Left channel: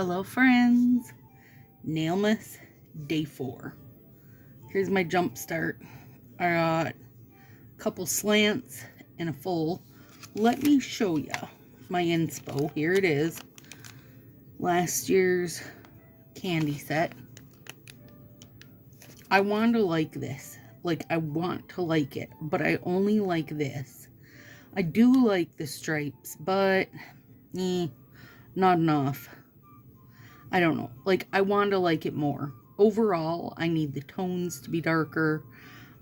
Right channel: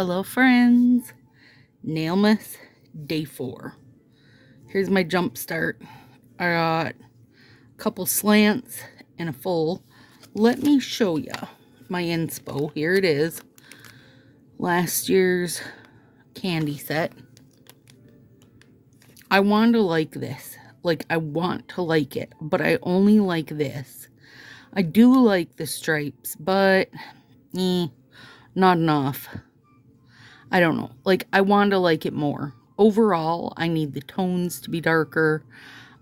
Hello friends, Nailmas day 4. Here's my jump start. I got a couple slants and a full. Let me show you my inspo. Here it is. Last year's candy set. I want to like this. I want to like it, but I only like this. I do like the stripes, but not enough. I don't know. I want to like it more. Overall, I need the tones to be darker.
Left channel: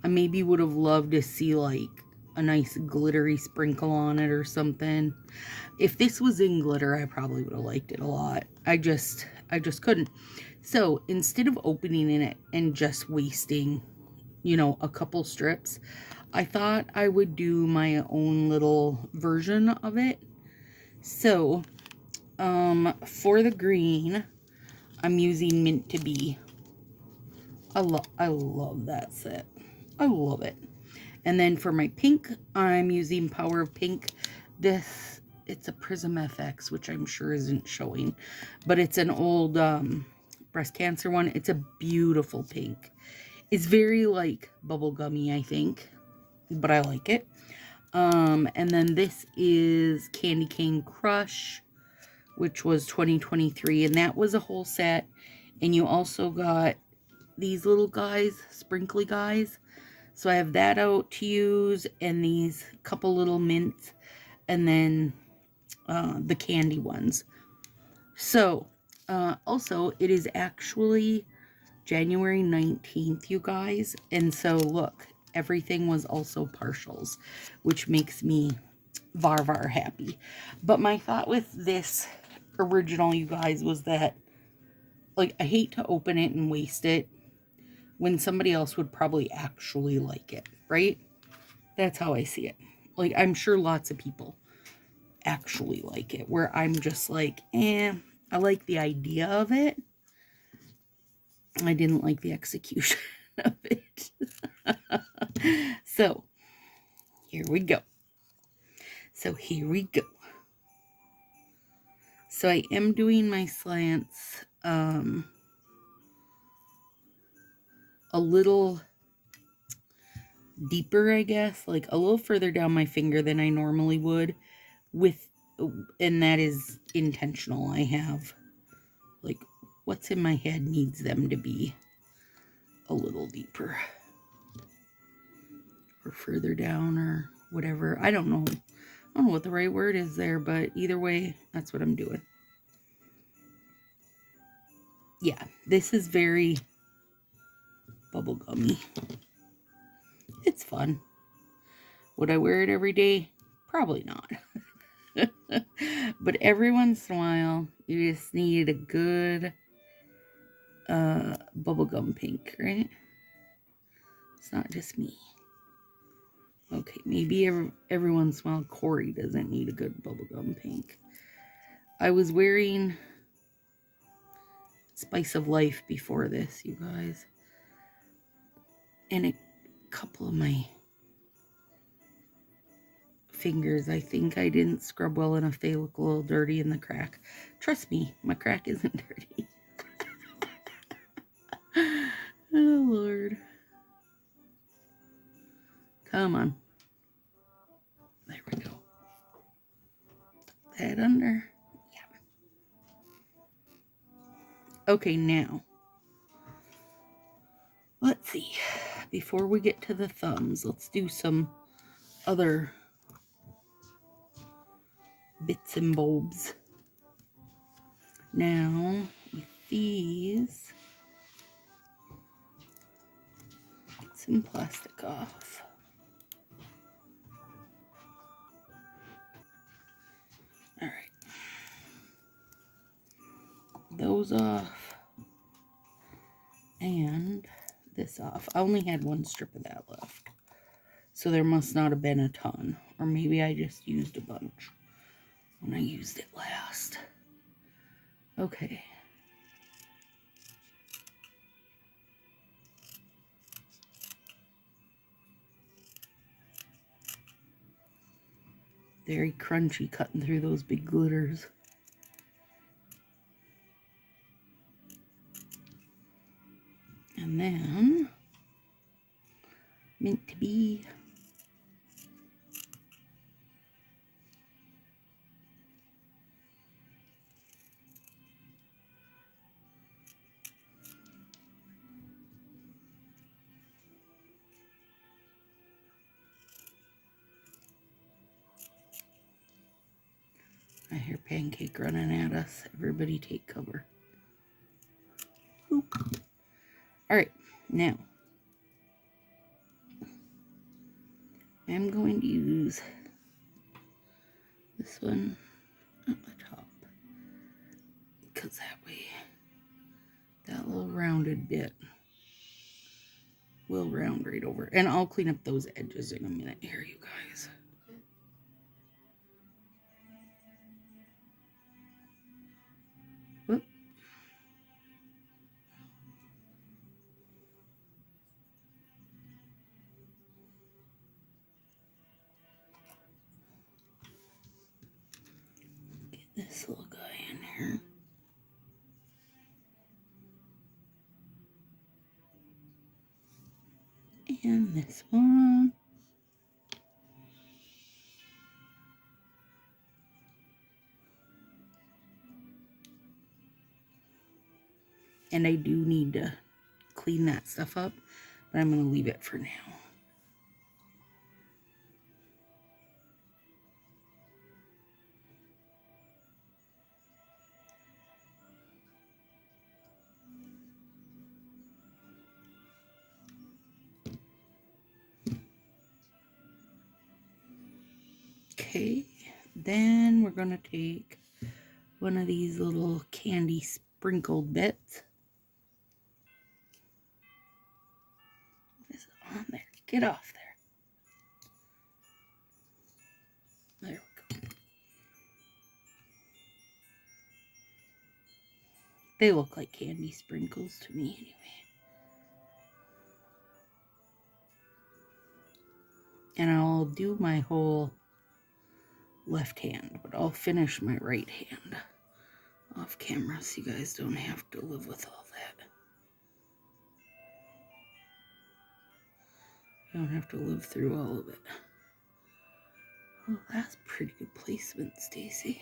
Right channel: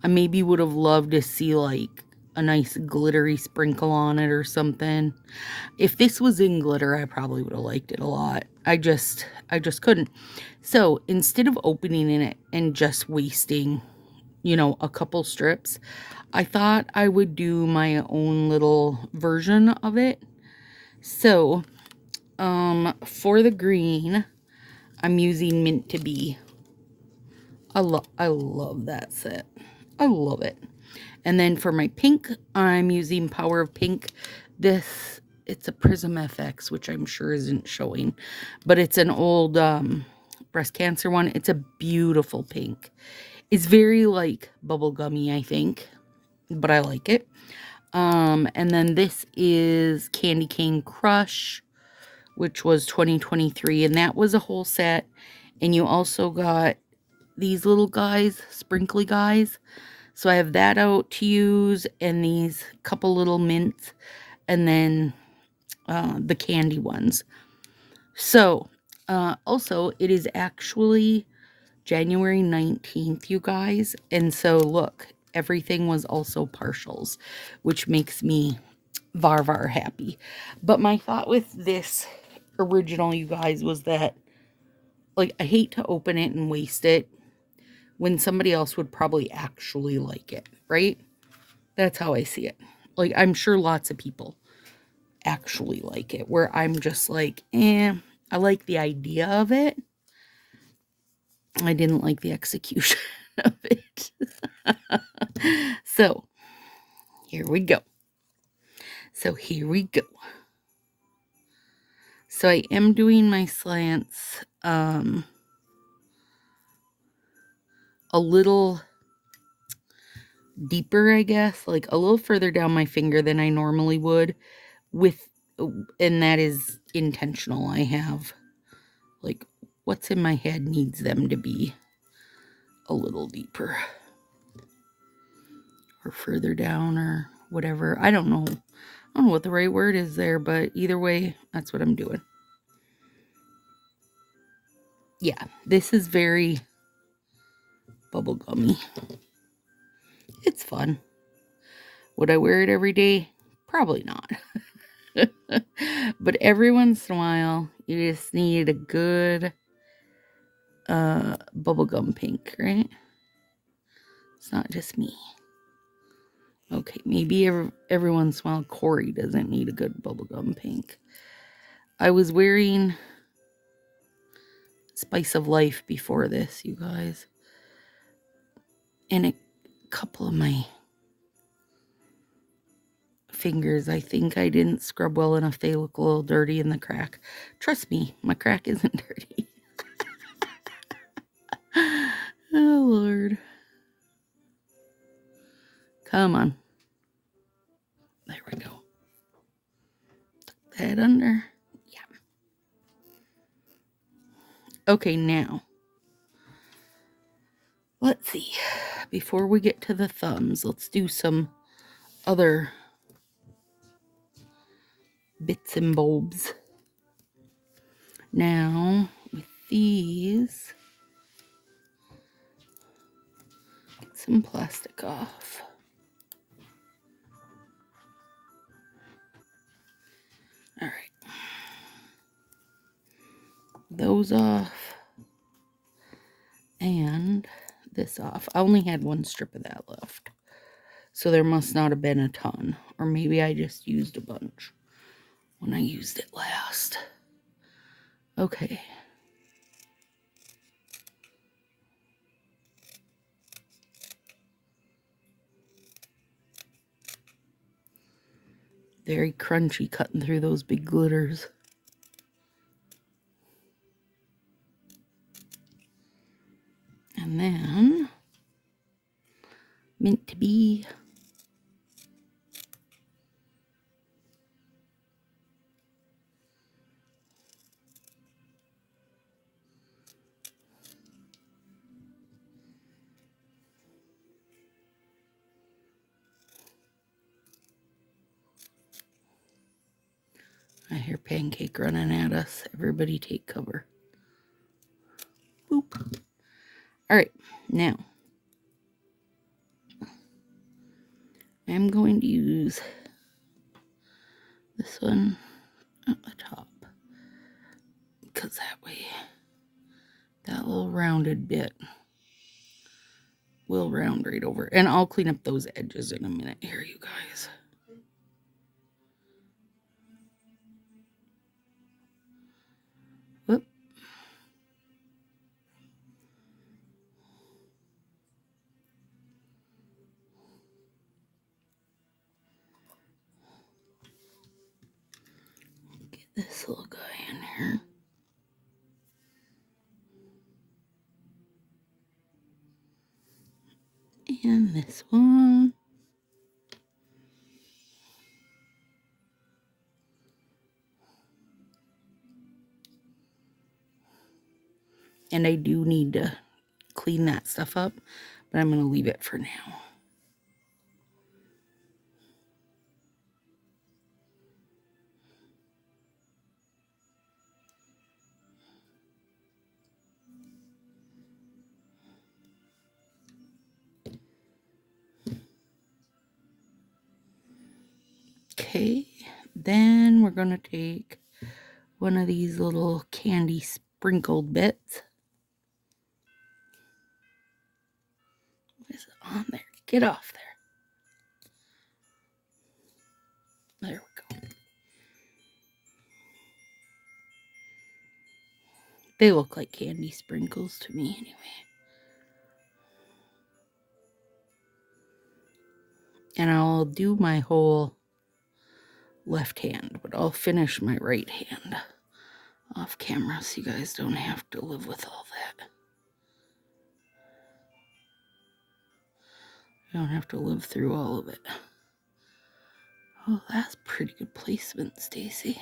I maybe would have loved to see a nice glittery sprinkle on it or something. If this was in glitter, I probably would have liked it a lot. I just couldn't. So instead of opening it and just wasting, a couple strips, I thought I would do my own little version of it. So, for the green, I'm using Mint to Be. I love that set. I love it. And then for my pink, I'm using Power of Pink. It's a Prism FX, which I'm sure isn't showing, but it's an old breast cancer one. It's a beautiful pink. It's very bubblegummy, I think, but I like it. And then this is Candy Cane Crush, which was 2023, and that was a whole set. And you also got these little guys, sprinkly guys. So I have that out to use, and these couple little mints, and then the candy ones. So, also, it is actually January 19th, you guys. And so, look, everything was also partials, which makes me var happy. But my thought with this original, you guys, was that, I hate to open it and waste it when somebody else would probably actually like it, right? That's how I see it. I'm sure lots of people actually like it, where I'm just I like the idea of it. I didn't like the execution of it. So, here we go. So I am doing my slants a little deeper, I guess, a little further down my finger than I normally would, and that is intentional. I have what's in my head needs them to be a little deeper or further down or whatever. I don't know what the right word is there, but either way, that's what I'm doing. Yeah, this is very bubblegummy. It's fun. Would I wear it every day? Probably not. But every once in a while, you just need a good bubblegum pink, right? It's not just me. Okay, maybe every once in a while Corey doesn't need a good bubblegum pink. I was wearing Spice of Life before this, you guys. And a couple of my fingers, I think I didn't scrub well enough. They look a little dirty in the crack. Trust me, my crack isn't dirty. Oh, Lord. Come on. There we go. Tuck that under. Yeah. Okay, now. Let's see. Before we get to the thumbs, let's do some other bits and bobs. Now, with these, get some plastic off. All right. Those off. And this off. I only had one strip of that left. So there must not have been a ton. Or maybe I just used a bunch when I used it last. Okay. Very crunchy cutting through those big glitters. Meant to be. I hear Pancake running at us. Everybody take cover. Boop. All right, now I'm going to use this one at the top, because that way that little rounded bit will round right over. And I'll clean up those edges in a minute here, you guys. Whoop. Get this little guy in here. And this one. And I do need to clean that stuff up, but I'm going to leave it for now. Okay, then we're going to take one of these little candy sprinkled bits. What is it on there? Get off there. There we go. They look like candy sprinkles to me anyway. And I'll do my whole left hand, but I'll finish my right hand off camera so you guys don't have to live with all that. You don't have to live through all of it. Oh, that's pretty good placement, Stacy.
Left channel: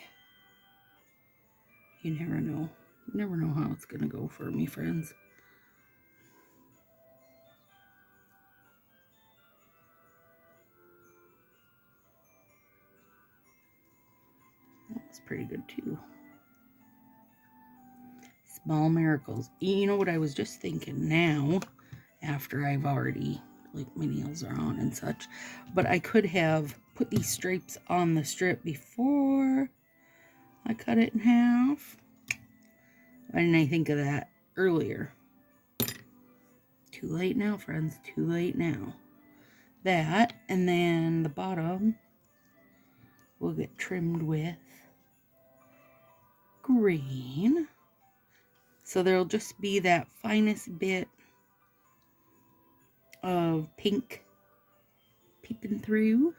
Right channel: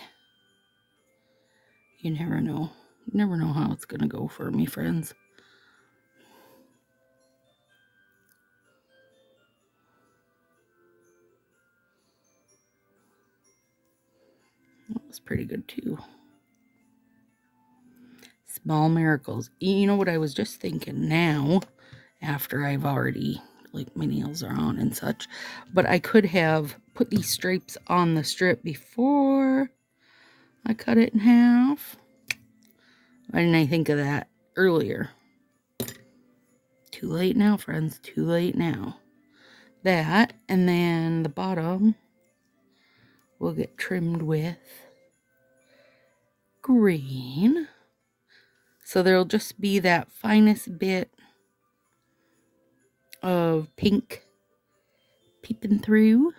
You never know. You never know how it's going to go for me, friends. That was pretty good, too. Small miracles. You know what I was just thinking now, after I've already, like, my nails are on and such, but I could have put these stripes on the strip before I cut it in half. Why didn't I think of that earlier? Too late now, friends. Too late now. That, and then the bottom will get trimmed with green. So there'll just be that finest bit of pink peeping through.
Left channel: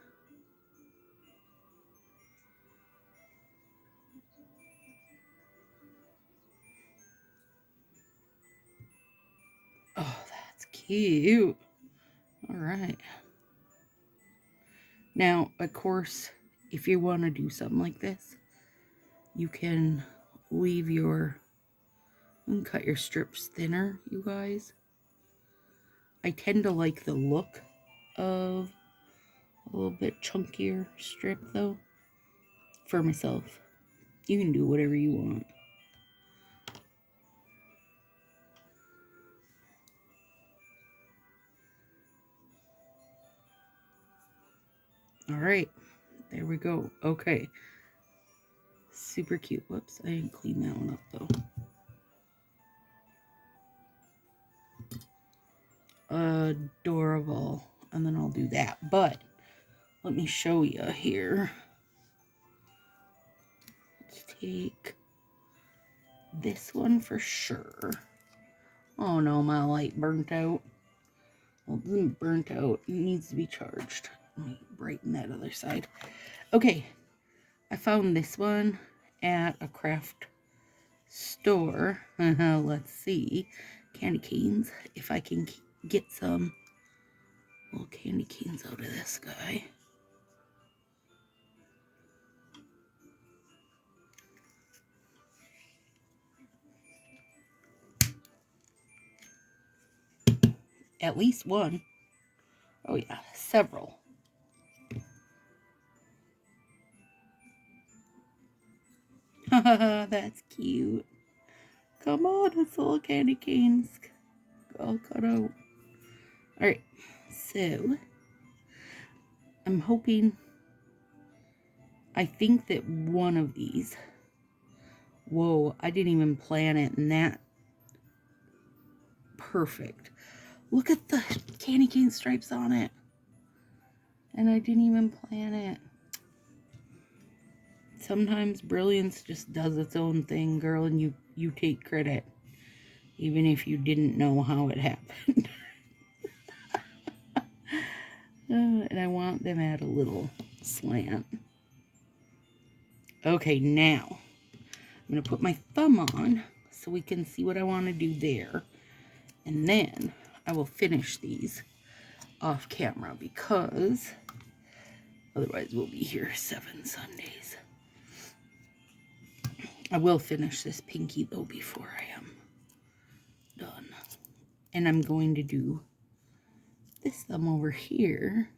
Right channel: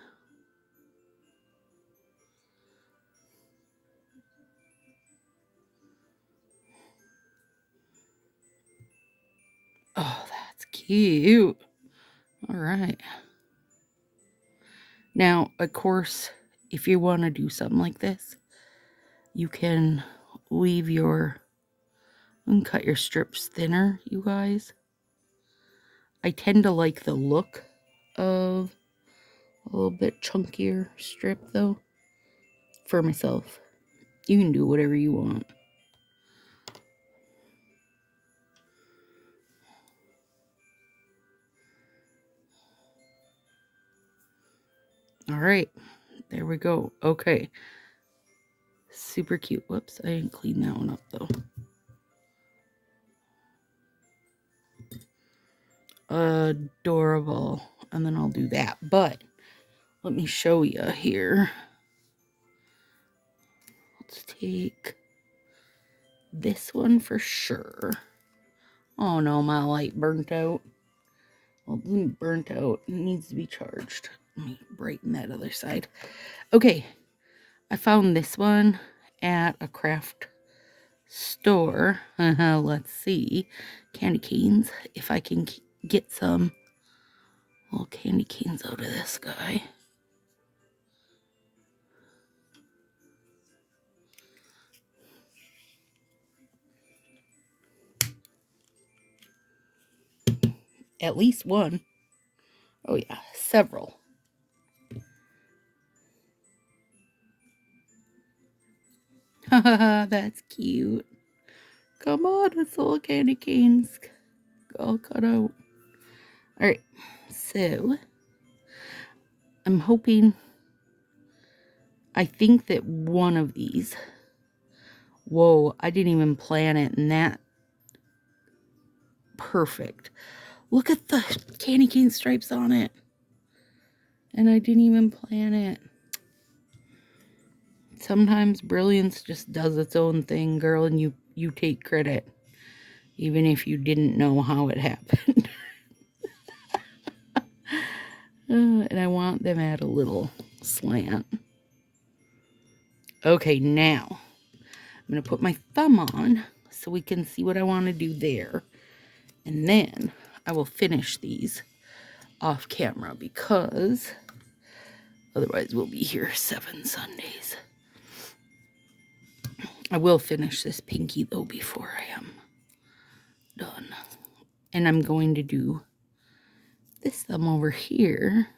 Oh, that's cute. All right. Now, of course, if you want to do something like this, you can leave your, and cut your strips thinner, you guys. I tend to like the look of a little bit chunkier strip, though, for myself. You can do whatever you want. All right, there we go. Okay, super cute. Whoops, I didn't clean that one up, though. Adorable. And then I'll do that. But let me show you here. Let's take this one for sure. Oh no, my light burnt out. Well, it isn't burnt out. It needs to be charged. Let me brighten that other side. Okay, I found this one at a craft store. Let's see. Candy canes. If I can get some little candy canes out of this guy. At least one. Oh yeah, several. Haha, that's cute. Come on, it's little candy canes all cut out. Alright, so I'm hoping, I think that one of these, whoa, I didn't even plan it, and that, perfect. Look at the candy cane stripes on it. And I didn't even plan it. Sometimes brilliance just does its own thing, girl, and you take credit. Even if you didn't know how it happened. And I want them at a little slant. Okay, now I'm going to put my thumb on so we can see what I want to do there. And then I will finish these off camera because otherwise we'll be here 7 Sundays. I will finish this pinky though before I am done. And I'm going to do this thumb over here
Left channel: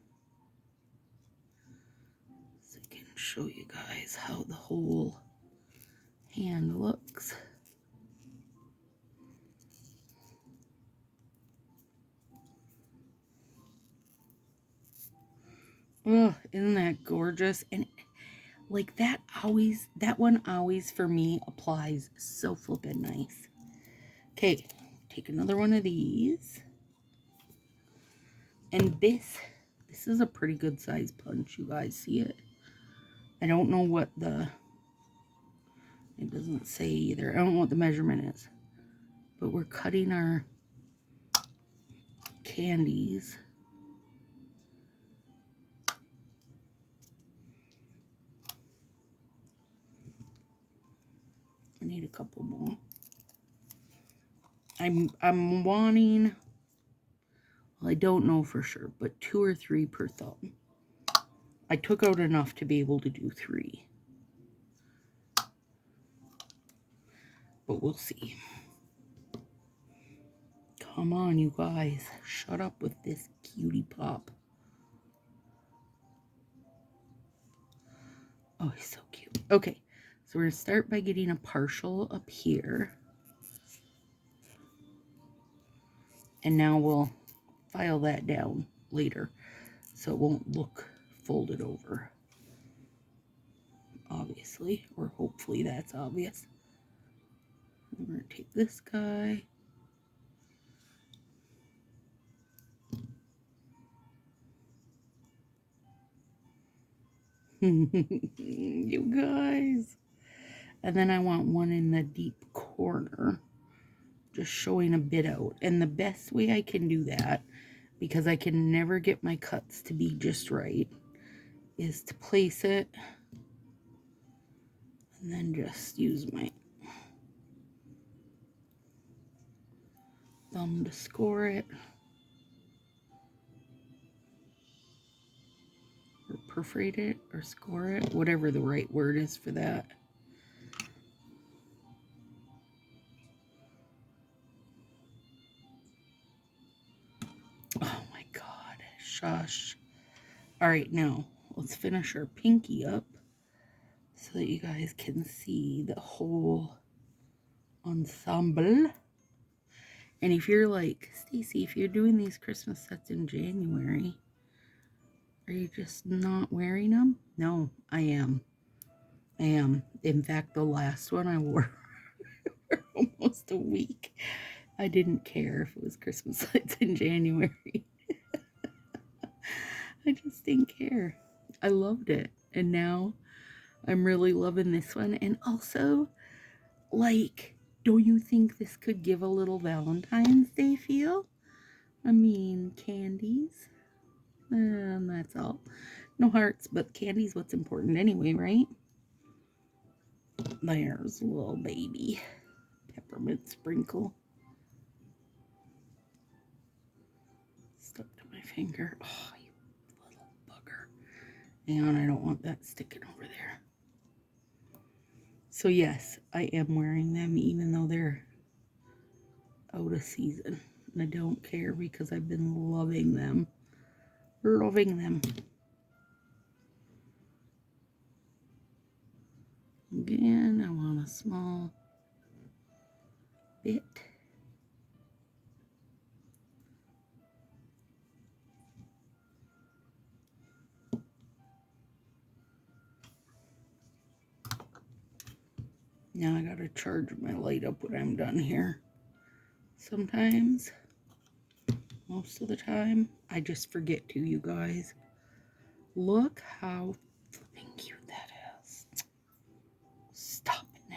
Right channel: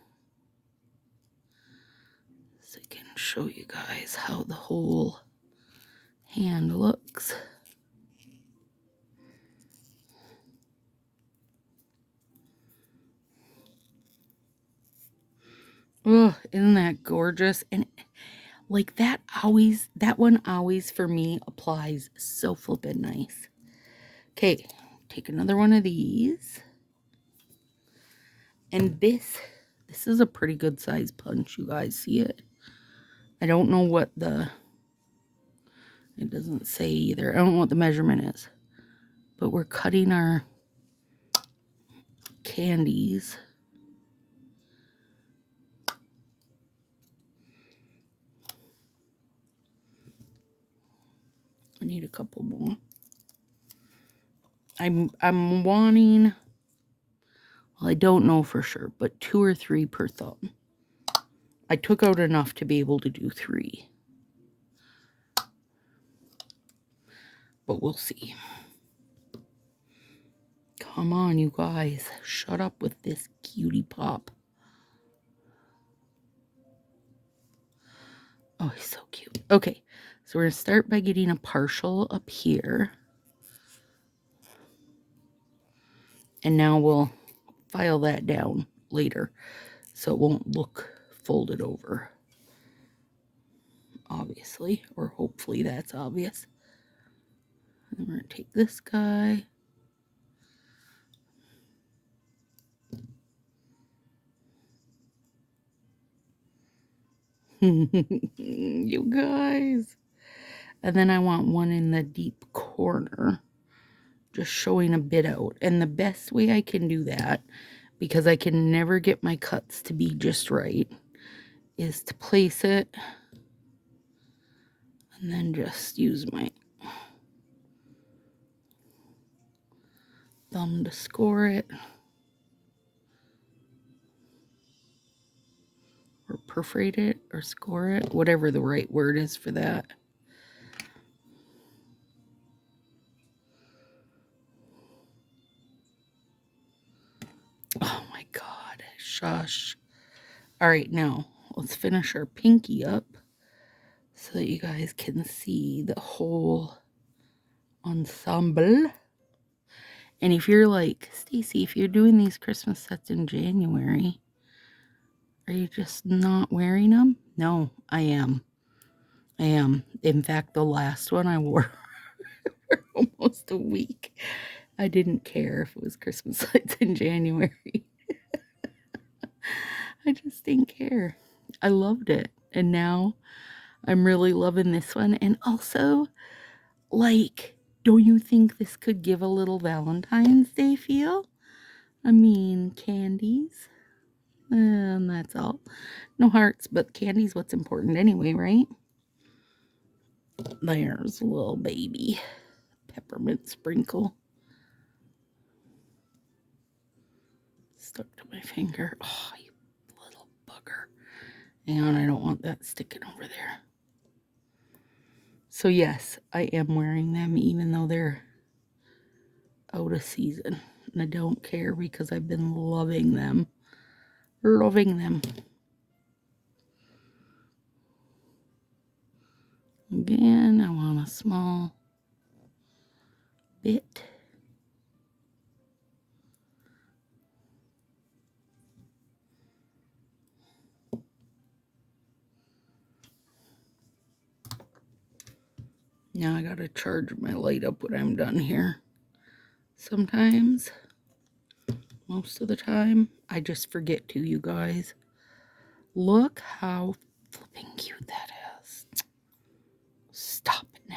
so I can show you guys how the whole hand looks. Oh, isn't that gorgeous? And like that one always for me applies so flippin' nice. Okay, take another one of these. And this is a pretty good size punch, you guys see it? I don't know what it doesn't say either. I don't know what the measurement is. But we're cutting our candies. I need a couple more. I'm wanting, well, I don't know for sure, but 2 or 3 per thumb. I took out enough to be able to do 3. But we'll see. Come on, you guys. Shut up with this cutie pop. Oh, he's so cute. Okay, so we're going to start by getting a partial up here. And now we'll file that down later so it won't look folded over. Obviously, or hopefully that's obvious. And we're going to take this guy. You guys. And then I want one in the deep corner, just showing a bit out. And the best way I can do that, because I can never get my cuts to be just right, is to place it and then just use my thumb to score it. Or perforate it or score it, whatever the right word is for that. Oh my God, shush. All right, now let's finish our pinky up so that you guys can see the whole ensemble. And if you're like, Stacy, if you're doing these Christmas sets in January, are you just not wearing them? No, I am. I am. In fact, the last one I wore for almost a week. I didn't care if it was Christmas lights in January. I just didn't care. I loved it. And now I'm really loving this one. And also, like, don't you think this could give a little Valentine's Day feel? I mean, candies. And that's all. No hearts, but candy's what's important anyway, right? There's a little baby peppermint sprinkle. stuck to my finger. Oh, you little bugger. And I don't want that sticking over there. So yes, I am wearing them even though they're out of season. And I don't care because I've been loving them. Loving them. Again, I want a small bit. Now I gotta charge my light up when I'm done here. Sometimes, most of the time, I just forget to, you guys. Look how flipping cute that is. Stop it now.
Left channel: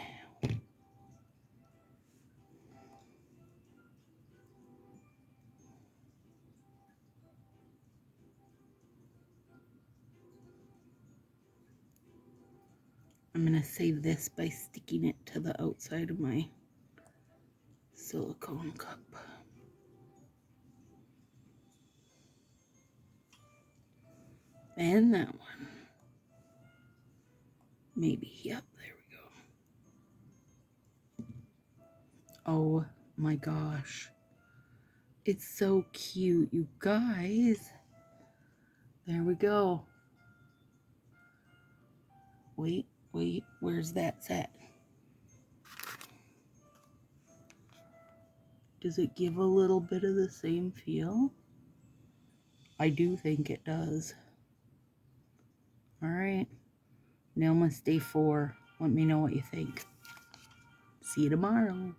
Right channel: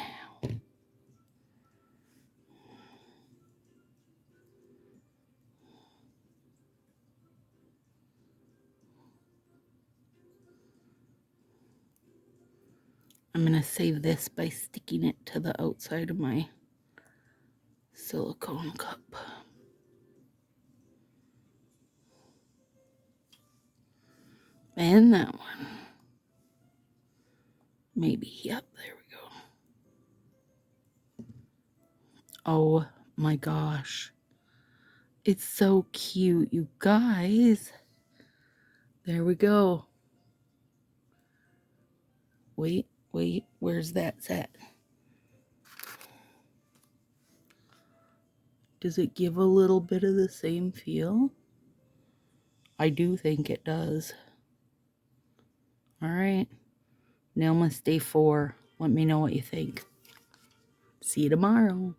I'm going to save this by sticking it to the outside of my silicone cup. And that one. Maybe, yep, there we go. Oh my gosh. It's so cute, you guys. There we go. Wait, where's that set? Does it give a little bit of the same feel? I do think it does. All right. Nailmas Day 4. Let me know what you think. See you tomorrow.